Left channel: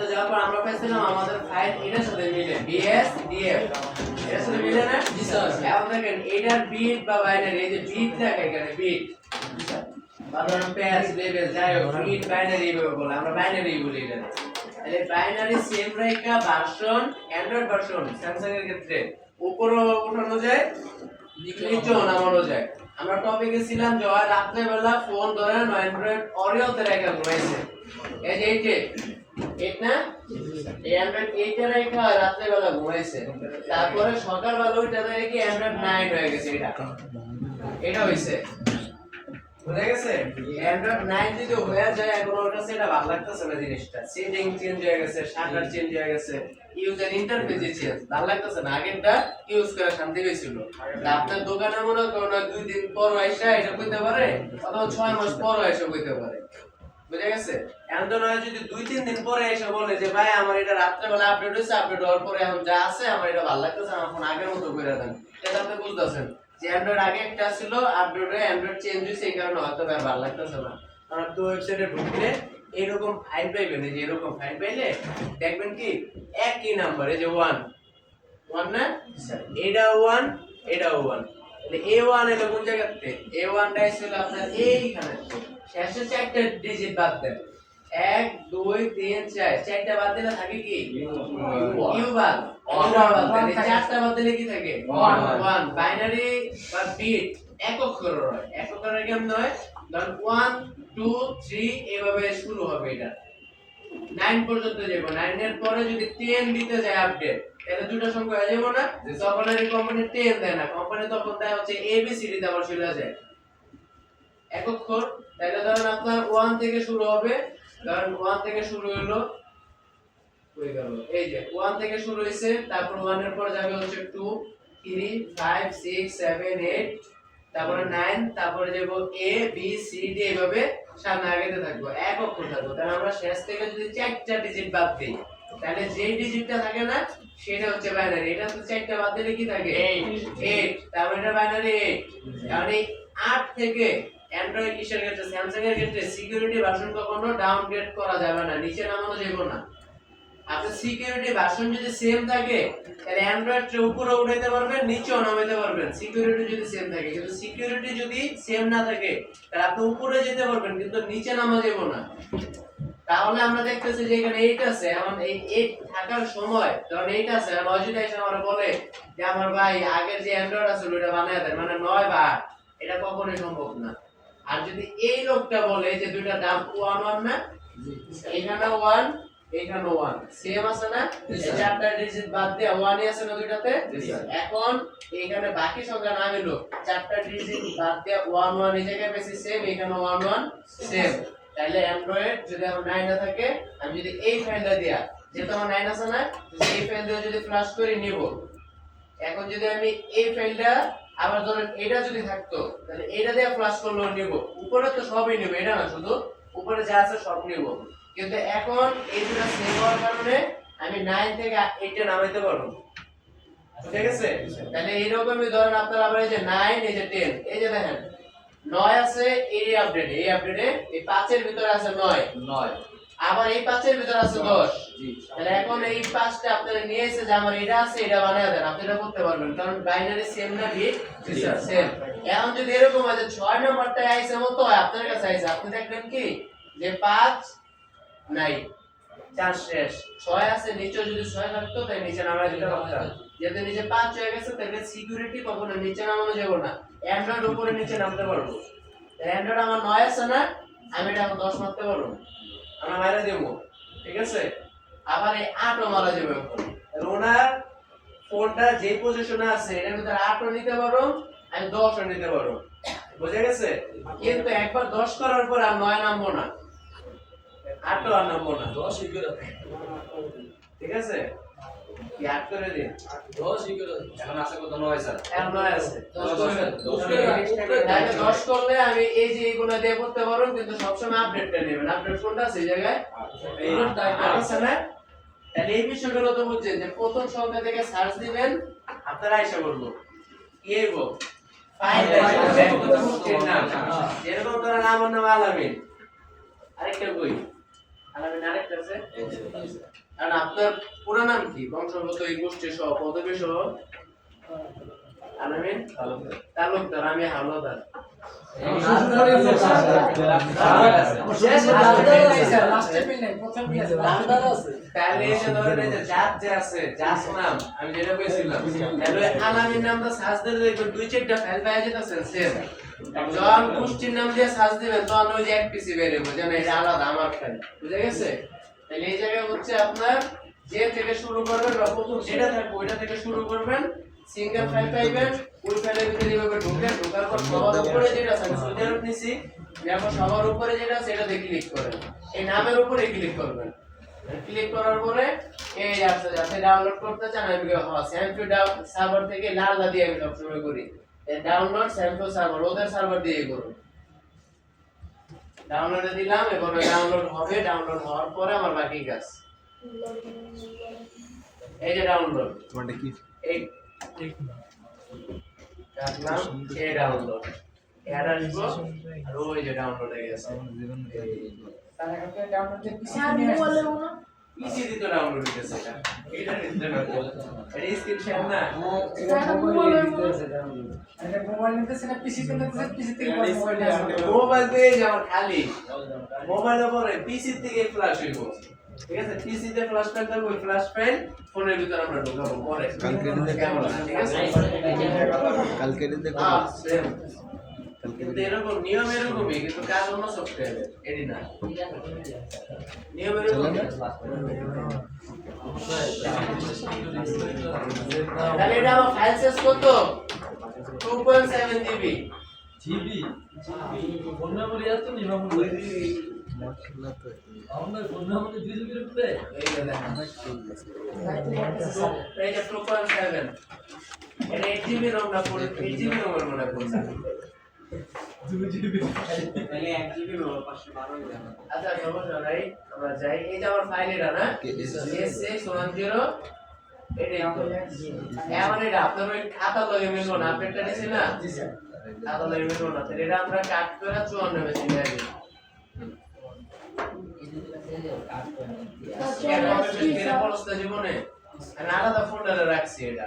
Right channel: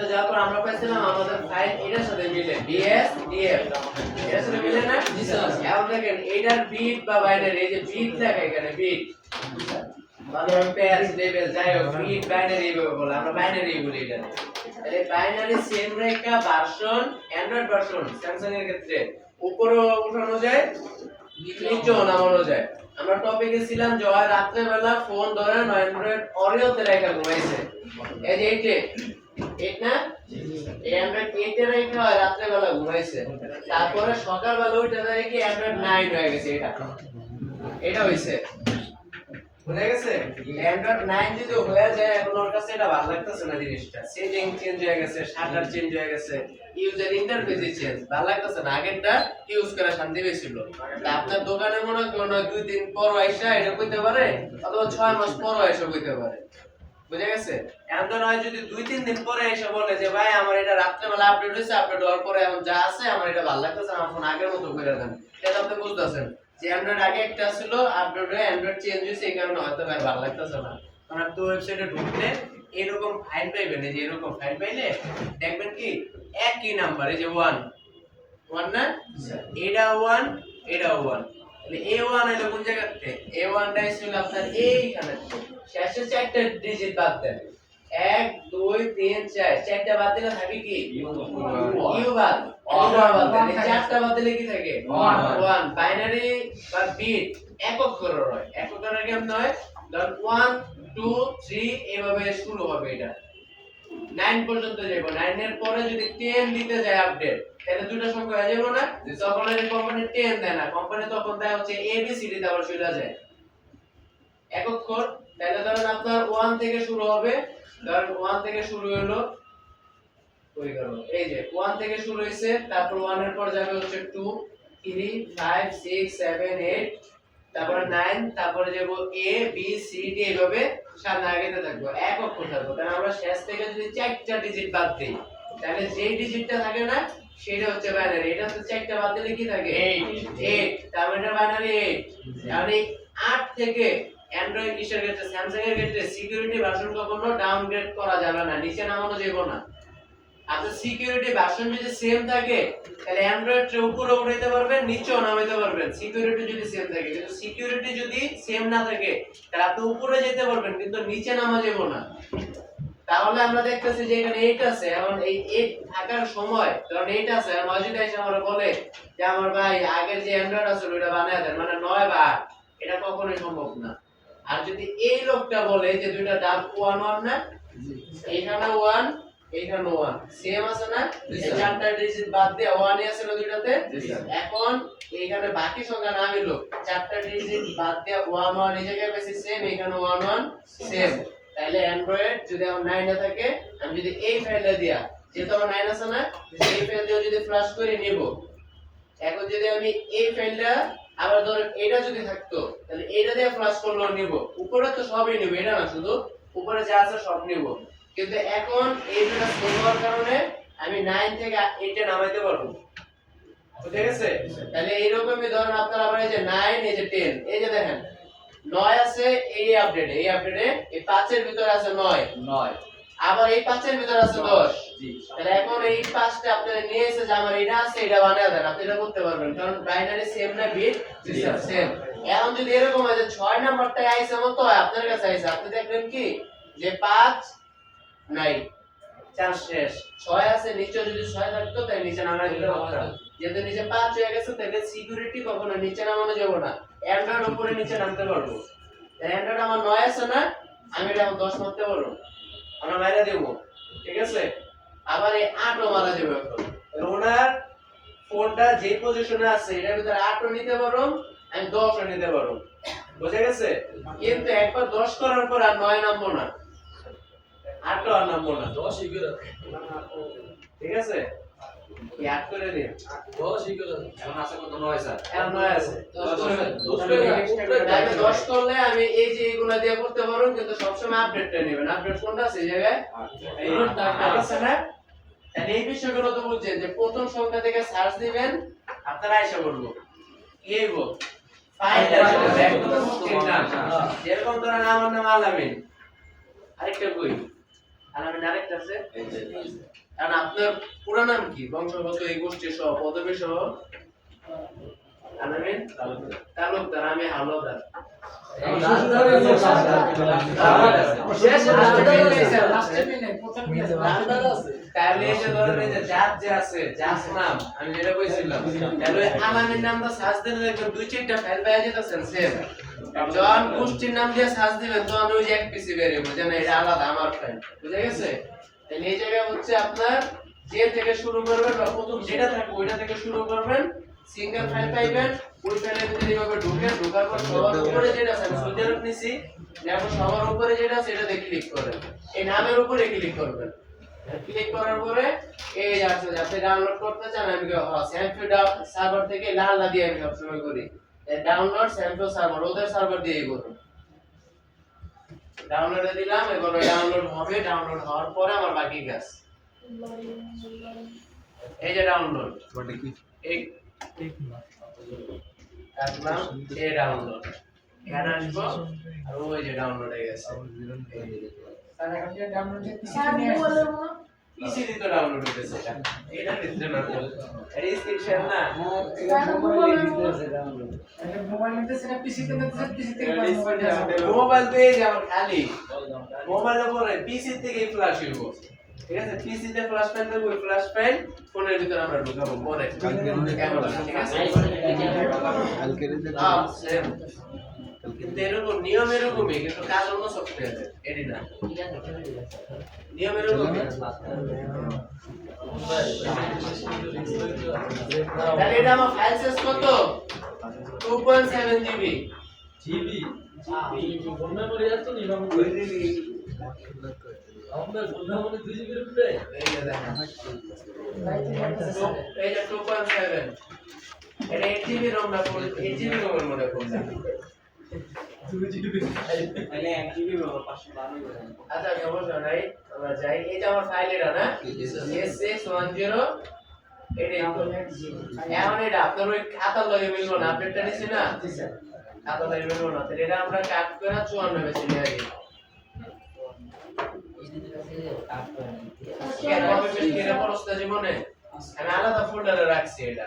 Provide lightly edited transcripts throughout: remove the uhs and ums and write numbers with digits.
তো যাওয়ার পর আমরা পাইছিলাম আমাদের ফাইল এটার সাথে মিলে BS DF এর সাথে মিলে না জি স্যার এখন দেখেন এটার বিট বা বাইনারি এই যে বিট লেখা এখানে বিট ধরুন পেয়ার লেভেল যাই হোক বিট বাইনারি এইভাবে বলে আমরা বাইনারি বলি এটা তাহলে বাইনারি সেম রেখা ভার্সন অ্যান্ড্রয়েড ভার্সন স্যামসাং এর ক্ষেত্রে উপরে উঠানো যায় নিচেও নামানো যায় আমরা টপিকে ছিলাম জয় রাত্রে বেলা ফোন ধরে অ্যান্ড্রয়েড অরিওতে রেখা ঘুমাইছে এই যে এটা এই অ্যান্ড্রয়েড 8 এর রেখা রাত্রে বেলা ঘুমাইছে তারপরে সকাল বেলা উঠে দেখে কি অ্যান্ড্রয়েড 9 হয়ে গেছে এটা হইছে বুঝা গেছে অ্যান্ড্রয়েড 9 যদি হয়ে যায় এখন ওর কাছে এটা ভালো লাগতেছে না জিনিসটা সেটিং চেঞ্জ হয়ে গেছে শাটার চেঞ্জ হয়ে গেছে ইউজার ইন্টারফেস চেঞ্জ ভালো লাগতেছে না আগেরটা ইউজ করে শান্তি পেয়েছিল আপনার দোকানে মনে করুন 2 দিন পর আইসা এটা কইতে পারে অথবা 6 মাস পর আইসা কইতে পারে বুঝা গেছে এখন তো নয় যদি 2-3 দিন পরে এসে বলে যে ভাই আমার এটা রাত্রে বেলা আপডেট হইছে আপডেট হওয়ার পরে এখন যা আছে আমার এটা ভালো লাগতেছে আমার ফোন আগের মতো করে দেন এটা আপনি বুঝতেছেন যে অ্যান্ড্রয়েড আগে একটা ছিল আপডেট হয়ে অ্যান্ড্রয়েড চেঞ্জ হইছে এই কারণে হয়তো ভালো লাগতেছে না কারণ আপনি ওয়েবসাইটে ঢুকলে এরকম ফাইল পাইবেন যে এরকম ফাইল পাইলে দেখবেন কি একই নাম্বার এই যে 1 না এটা 1 এটা 1 তাহলে A1 এর কোন জায়গাতে A1 টা ছিল আপনার এইখানে শেষে চারটা ডিজিট বাদ দেন 1 2 3 4 চারটা বাদ দিলে থাকে কি ইউ বাদ বাদ দেন চারটা বাদ দিলে কি থাকে 1 বাইনারি বা বিট একক অক্ষরের হয় একক অক্ষরের কেমন হয় ধরুন 1 2 3 এভাবে শুরু হবে এটা 9 পর্যন্ত যাব 9 এর পরে যদি 10 দিতে যায় আপডেট তাহলে দুটো সংখ্যা হয়ে যাবে না তখন এই কোম্পানি 10 দেয় না কোম্পানি তখন দেয় হচ্ছে ABCD তে আবার চলে যায় একক অক্ষর তাহলে ধরুন আপনার 1 থেকে শুরু হবে ধরুন 1 থেকে শুরু হলো কই গেল এই যে 1 থেকে শুরু হইছে তারপর 1 এর পর যাবে হচ্ছে 2 3 5 6 7 8 তারপরে 9 তারপরে যাব A B C D এভাবে সামনে আগেতে থাকবো এক অক্ষর থাকবো তাহলে আমরা শেষ থেকে যদি চারটা ডিজিট বাদ দেই তাহলে যে ডিজিটটা থাকে না সেটা হচ্ছে বাইনারি এটা তো চারটা বাদ দিলে কি থাকে 8 তার মানে এটা বাইনারি 8 মানে 8 থেকে অ্যান্ড্রয়েড কিসের ক্ষেত্রে স্যামসাং এর ক্ষেত্রে সিকিউরিটি ভার্সন কখনো ডাউনগ্রেড করা যাবে না নিচে নামানো যাবে না আপনার সিকিউরিটি ভার্সন যদি সেম থাকে তাহলে অ্যান্ড্রয়েড এর উপরে উঠাইতে পারবেন নিচেও নামাইতে পারবেন সিকিউরিটি যদি সেম থাকে কিন্তু সিকিউরিটি যদি সেম না থাকে তাহলে আপনি উপরে যেতে পারবেন কিন্তু নিচে নামা যাবে না তাহলে আমরা দেখতেছি যে এখানে 8 আছে এখন এই 8 থাকার সময় ধরুন 8 আছে আর 9 যদি এসে আমরা বলে যে আমার ভাই আগের যে অ্যান্ড্রয়েড আছে ওটা বানায় দেন মানে 9 বা 8 এটা কখনোই সম্ভব না আর যদি এই লোকটা বলে যে দুইটা দাম 1 1 না এখানে 1 এখানে 1 সেম আছে না এই চারটা ডিজিট বাদ দিয়ে 1 আছে না দুইটাতে এখন এখানে বাকি সংখ্যা না মিলো চারটা ডিজিট বাদ দিয়ে 1 1 এই জায়গায় বেশি সেম এখানে 1 1 সেম তাহলে অ্যান্ড্রয়েড যদি আমার 9 এ থাকে আমি যদি এই ফাইলটা দিয়া যেহেতু আমার 9 আছে না এই ফাইল দিয়ে যদি ফ্লাশ করে নিব এখন যদি আমি এই ফাইলটা আবার ধরেন এটা যদি থাকতো তাহলে এটা দিয়ে ফ্লাশ করলেও নিব উপরে তো সবই নিব এটা না শুধু উপরে যা আছে সব নিব কিন্তু এখন এই দুটো সেম হওয়ার কারণে আমি 9 থেকে 8 এ নামাইতে পারবো ঠিক আছে তাহলে এইরকমই ধরেন আপনারা আবার এই যে 9 এই যে 10 এই যে দেখেন 9 আছে এই আপডেটে এই 5 এর ভিতরে আছে 9 আবার এই 5 এর ভিতরে আছে 10 জি তাহলে এখন এই 5টা আপনারা নিয়ে এসে যে আমার এটা আছে এটা বানায় দেন আপনি এটা করতে পারবেন কারণ বাইনারি সেম না বিট সেম এখন যদি এরকম হয় যে 6 নাম্বারটা আইছে মতো হয় আপনার কাছে আইছে আপনি দেখবেন কি যে 5 নাই 4 শেষ 6 আছে নিচে যদি 6 থাকতো তাই নিচে নামায় দিতে পারতাম যেহেতু নিচে 5 হয়ে গেছে তাহলে সিকিউরিটি কখনো নিচে নামানো যাবে না অ্যান্ড্রয়েড উপরে নিচে নামতে পারবো অ্যান্ড্রয়েড আমার 9 আছে না আমি এটা 10 মারতে পারবো আমরা মাইরা দেব ঠিক আছে আবার এই 8 ও মারা যাবে এখন ওনার ফোনটা যে পজিশনে আছে এর ভিতরে 8 ও নিতে পারো আমি 10 ও নিতে পারো বুঝা গেছে কিন্তু একবার 10 করার পর আর 9 নামবো না 8 ও আর নামবো না 10 ই করে ঠিক আছে কি 8 করে দিন 10 ই করে এখন আছে কত 9 স্যার এখন 9 আছে 10 করলে আমি এই যে এগুলা দিয়ে করতে পারো কিন্তু সব সময় আপডেটটা নেবেন আপডেট কোনটা আছে এই জায়গায় এই আছে না তাহলে এই বিষয়গুলো তো বুঝছেন যে প্রথম সংখ্যা থেকে সার্চ দিবেন আপনারা আইসা বলবো কি হইব ফাইল যেরকম ধরেন আমার নাম আলামিন আরেকটা কই আলামিন আরেকটা আছে কারণ আপনার পুরো নাম কি বংশগত এই গোষ্ঠী সহ পদবী সহ আলামিন তালুকদার আমি হাওলাদার তাহলে এই যে ধরেন এই যে জাত যে আছে জাত নাম আমি যেটা কইছিলাম তাহলে আলামিন নামটা সার্চ দিলে দেখবেন দুই চারটা ফাইল পাওয়া যেতেছেন সেম যখন গোষ্ঠীর নাম দিয়ে সার্চ দিবেন তখন ওই যে এক পিসি বের হবে যেন এটা আলাদা আমার ফাইল বুঝা গেছে তাহলে এই জায়গায় হচ্ছে আপনার যে থেকে শুরু করবেন বা প্রথম যেটা থাকবে ওইটা থেকে শুরু করবেন সিঙ্গেল ফাইল পাইবেন ওই ফাইলের ভিতরে এইভাবে ঢোকার পর সবার উপরে যেটা আছে আমি সুবিধার নিছি যেমন সবার উপরে যেটা আছে সেটাতে ক্লিক করেন এই নামের উপরে ক্লিক করবেন ক্লিক করার পরে এই যাচ্ছে যাতে ডাউনলোড করতে চান আমি স্যাম্পল সার্ভার থেকে লালদা দিয়ে আমি সবসময় করি ডাউনলোড স্যাম্পল সার্ভার ওদের সার্ভার দিয়েই করুন ডাউনলোডে দিলাম এবার ডাউনলোড হবে ডাউনলোড হওয়ার পরে আমার বাকি কাজ এই যে ডাউনলোড মানে কি এই রাখলাম এই ডাউনলোড এড আসবো আর ওই যে ডাউনলোড হয়ে গেছে তাহলে আপনি ডাউনলোড যে পিসি দিতে ডাউনলোড হইতেছে এটা দিতে না এটা স্ক্রিন শেয়ার না এটা মোবাইল নিতেছে না পিসি তে নিতেছে পিসি থেকে মোবাইল পেয়ে যাও খালি মোবাইলের উপরে পিসি থেকে ফ্ল্যাশ হইবো ঠিক আছে পিসি তে ফ্ল্যাশ ফাইল দেব ওই ফ্ল্যাশ ফাইল ফোনের ভিতরে আমরা ঢোকাবো পরে ক্যামেরা ঠিক আছে কালকে দিতে সেম কিন্তু এরকম নিয়ম এরকমই কিন্তু কাজ অন্য সফটওয়্যারে এডি না নিয়ম এরকমই তাহলে এটা আমার ফাইল সাইজ কত 2.7 জিবি ফোন মেমোরি এত নিলাম আমরা ফোন মেমোরি 2 জিবি এর ভিতরে এই যে দেখেন এইটা 2.7 এটা 8 জিবি রম না 8 জিবি রমের মনে করছে 2 জিবি তাহলে 1 জিবি হলো 512 আচ্ছা সমস্যা নাই আমরা যাই এই যে আমার ফাইল এটা না S610 এটা এখন এটা আপনার ওই খাতা লগে মিলবো না আপডেটটা নিছি না জি স্যার খাতা লগে মিলবো না তাহলে এটা আমরা কাট করে 54 বেশি নিয়ে আসি এটা পরস্তা জীবনে আমি আলাদা ফোল্ডারে রাখছি এটা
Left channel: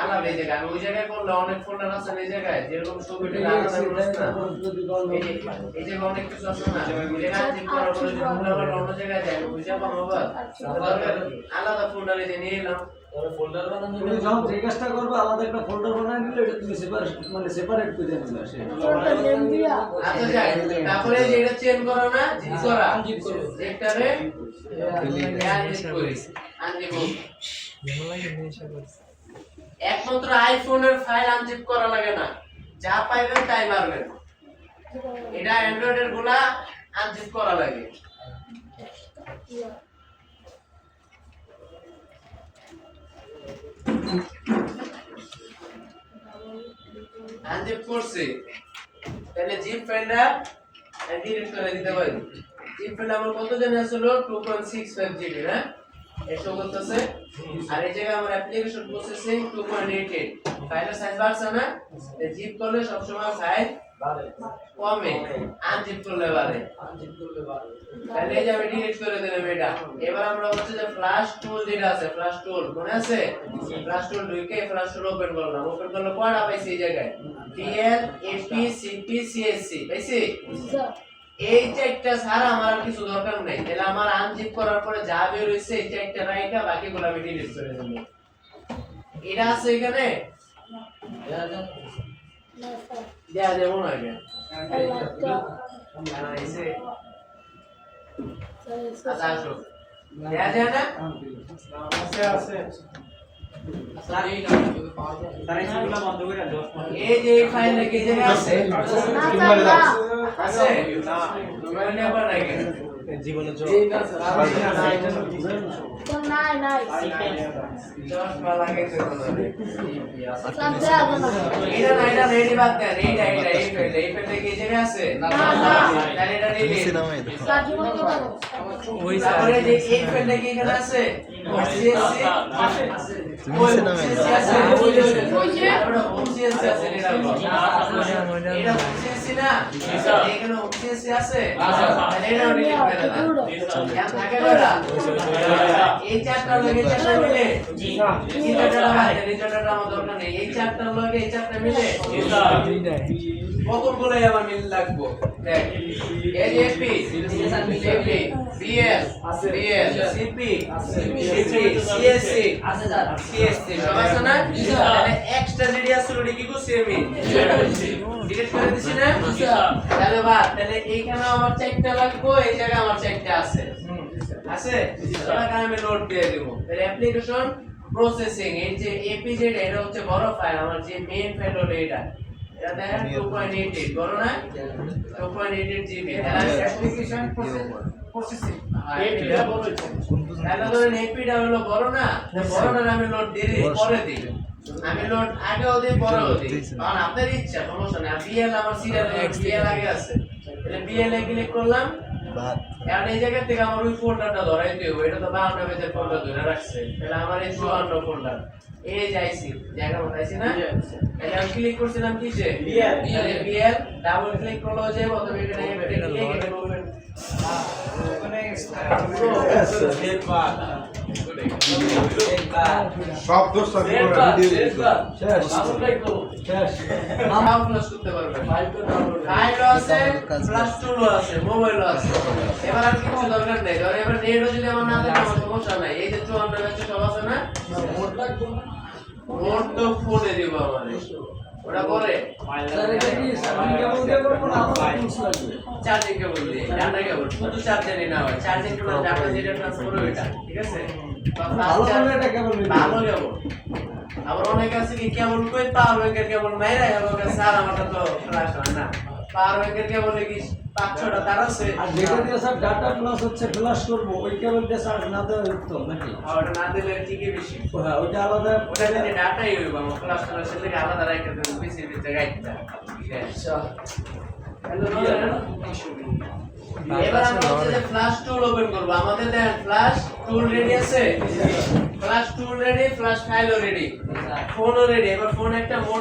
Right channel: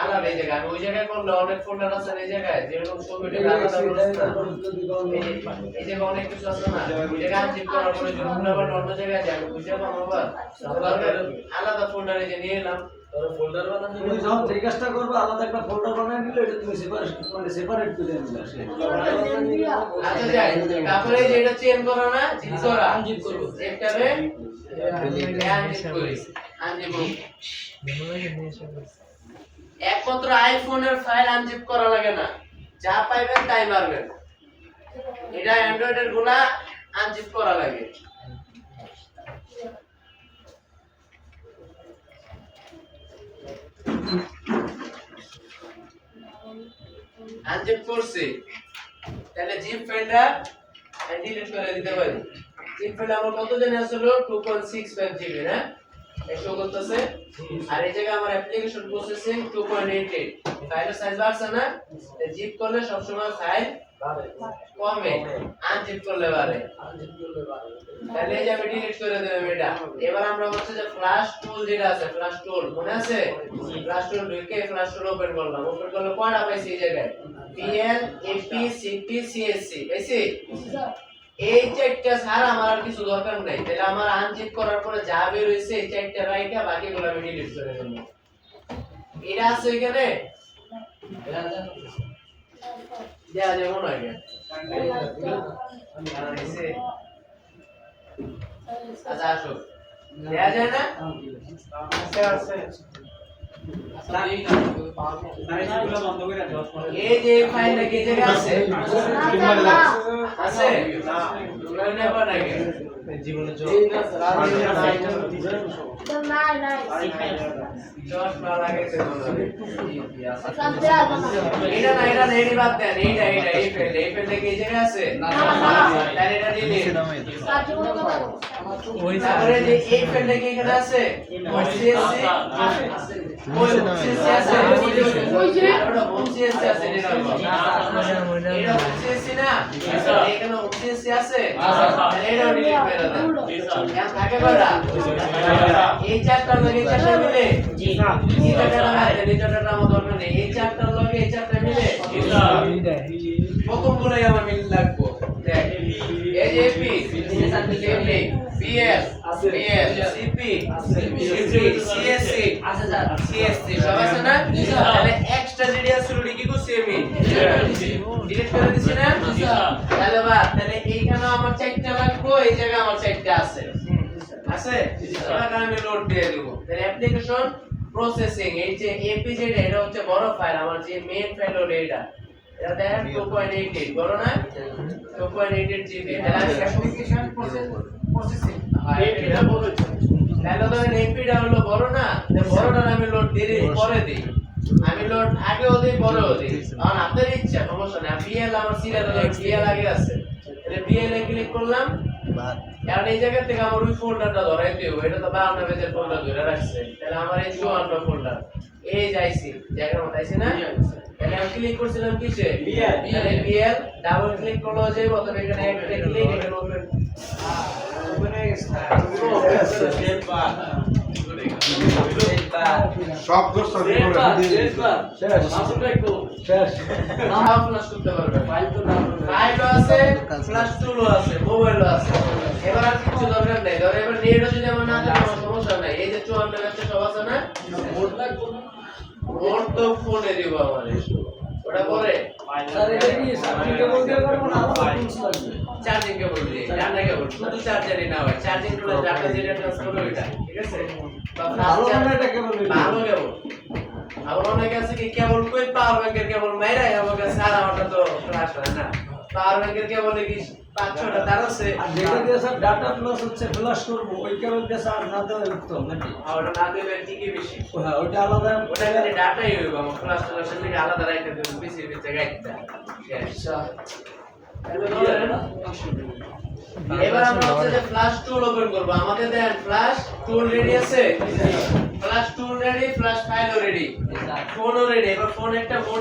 আলাদা এই জায়গায় আমি ওই জায়গায় করলে অনেক ফোল্ডার আছে এই জায়গায় যেরকম ছবিটা আলাদা করছ না এই যে অনেক কিছু আছে না ওই জায়গায় জিপ করার পরে যদি ফোল্ডার অন্য জায়গায় যায় বুঝা পাবো আলাদা ফোল্ডারে যে নিয়ে এলাম তোর ফোল্ডার বানানো তুমি যখন যে কাজটা করবে আলাদা একটা ফোল্ডার বানায় নিলে এটা তুমি সেপারেট করে নিলে আচ্ছা যাই তারপরে যে এটা চেঞ্জ করা না জিপ করা আনজিপ করব একটারে আনজিপ করি আনজিপ একমাত্র আইফোনের ফাইল আনজিপ করা লাগে না যা পাইবেন তাই মারবেন এটা অ্যান্ড্রয়েডের গুলা আনজিপ করা লাগে আনজিপ করছি তাহলে জিপ ফাইলটা ডিলিট করে দিতে পারি জিপ ফাইল আমার কত জানি আসলো 2.65 জিবি না এই শো করতেছে আর এই জায়গায় আমার অ্যাপ্লিকেশন প্রসেসিং 2.88 ফাইলের সাইজ বাড়ছে না জিপ করলে সব সময় ফাইল কমে আনজিপ করলে বাড়ে তাহলে এই যে আমি ডিলিট করে দিলাম এটা এবার আমরা হচ্ছে যে ফ্ল্যাশ টুল যেটা আছে ফ্ল্যাশ টুল মনে আছে ফ্ল্যাশ টুল ঢুকে ফ্ল্যাশ টুল ওপেন করলাম ওপেন করলে কয়টা পাইছি এই জায়গায় PL AP CP CSC পাইছি এই চারটা ছাড়া আমার আর কিছু দরকার নাই তাহলে আমার আনজিপ করার পরে যা বের হইছে এই চারটা রাইখা বাকিগুলো আমি ডিলিট করে দেব এটা আছে এখানে দেয়া যেমন আগে আচ্ছা আসো দেয়া যায় না আছে এই যে ফাইল কি জায়গা আছে আছে জীবনে চশমা লাগাইছে বলো এটা না এটা রেডি বাদ দেন এইটা এই ফেলে কি জায়গা আছে তাহলে এটা দিলে তারপরে যে এই ফেলে কি এখানে আছে সিএসসি আছে ওই যে সিএসসি আছে এটা সিএসসি না এখানে সিএসসি আছে তাহলে এটা ডিলিট করে দেন এখন থাকে কয়টা এই চারটা লাগে এই চারটা মিলে জি স্যার এই চারটা আমার দরকার নেই এই চারটা লাগে এই চারটা মিলে জি স্যার কতগুলো আমার মিল লাগবে দেখ এই যে পি সিপি বিএল আছে বিএল সিপি সিপি সিএসসি আছে স্যার সিএসসি সব আছে না তাহলে এক্সট্রা রেডিয়াস রুডি কি করছি আমি ডিলিট করে দিছি না তাহলে বাদ তাহলে এইখানে আমার চারটা লাগবে এই জায়গা আমার চারটা আছে আছে এটাকে আমি লোড দিয়ে দেব তাহলে অ্যাপ্লিকেশন প্রসেসিং এই যে এপিজেড এটা হচ্ছে বড় ফাইল আমার যে মেইন ফাইল হলো এটা দেখেন 2.88 বড় না 2.88 জিবি তাহলে আমি অ্যাপ্লিকেশন প্রসেসিং এপিটা বলছে তাহলে ধরেন এপিটা হলো বড় না বড়টা আমি লোড দিয়ে পরে দিই আমি লোড আগেও দিই পরেও দিই কারণ আপনার ইচ্ছা সমস্যা না বিএল আমার সিরিয়াল বিএল আগে আছে তাহলে বিএল এ ক্লিক করলাম এখন এই জায়গা থেকে আমার ওই ফোল্ডারটা ধরাইতে হবে এটা তো 52 পেজের ফোল্ডার ধরে রাখছে তাহলে আমার এই 54 ফোল্ডার এই যাইছি জায়গা মত আইছি না তাহলে আমি ক্লিক করছিলাম কিসে বিএল ডাবল ক্লিক করলে যাবে অথবা এখানে একটা ক্লিক এটা করবেন সব দোষ শেষ নাম ফ্লাশ করতে পারবে ফাইলও আছে ফ্লাশ টুলও আছে মোবাইলও আছে এবার আর কিছু দরকার নাই ধর এবার নেটও যদি আমার না থাকে কোনো সমস্যা নাই এই যে 54 আছে সব আছে না মোড লাগবে না মোড তো ফোনে দিব আমারে ওটা পরে স্যার এটা কি চার্জিং কেবল দিয়ে করব না আমার পিনস লাগবে চার্জিং কেবল দিয়ে ডাটা কেবল শুধু চার্জারই না হয় চার্জিং প্লাস ডাটা যেটা ট্রান্সফার হয় এটা ঠিক আছে বা ভালো ফাস্ট না এটা কেবল ভালো কেবল আবার অনেক আছে কি কেবল কই পাওয়ার ব্যাংকের কেবল মাইরা হবে স্যার আমারটা তো ফ্ল্যাশ হয় না পাওয়ার ব্যাংকের কেবল কি 5-6টা তার আছে আর যেটা দিয়ে স্যার ডাটা প্লাস হচ্ছে ফ্ল্যাশ করব ওই কেবল দিয়ে স্যার না দেওয়া উত্তম নাকি আর ওটা না দিলে ঠিকই বেশি হ্যাঁ ওইটা আলাদা ওটা যদি ডাটাই হইব আমার ফ্ল্যাশ ট্রান্সফার লাগে আলাদা রাখতে হবে পিসির ভিতরে গাইডটা আচ্ছা এবার আমরা হচ্ছে যে ফ্ল্যাশ টুল ওপেন করব আমাদের দেন ফ্ল্যাশ টুল রেডি আছে ফ্ল্যাশ টুল রেডি ফ্ল্যাশ ফাইলও রেডি ফোনও রেডি এবার ফোন একটা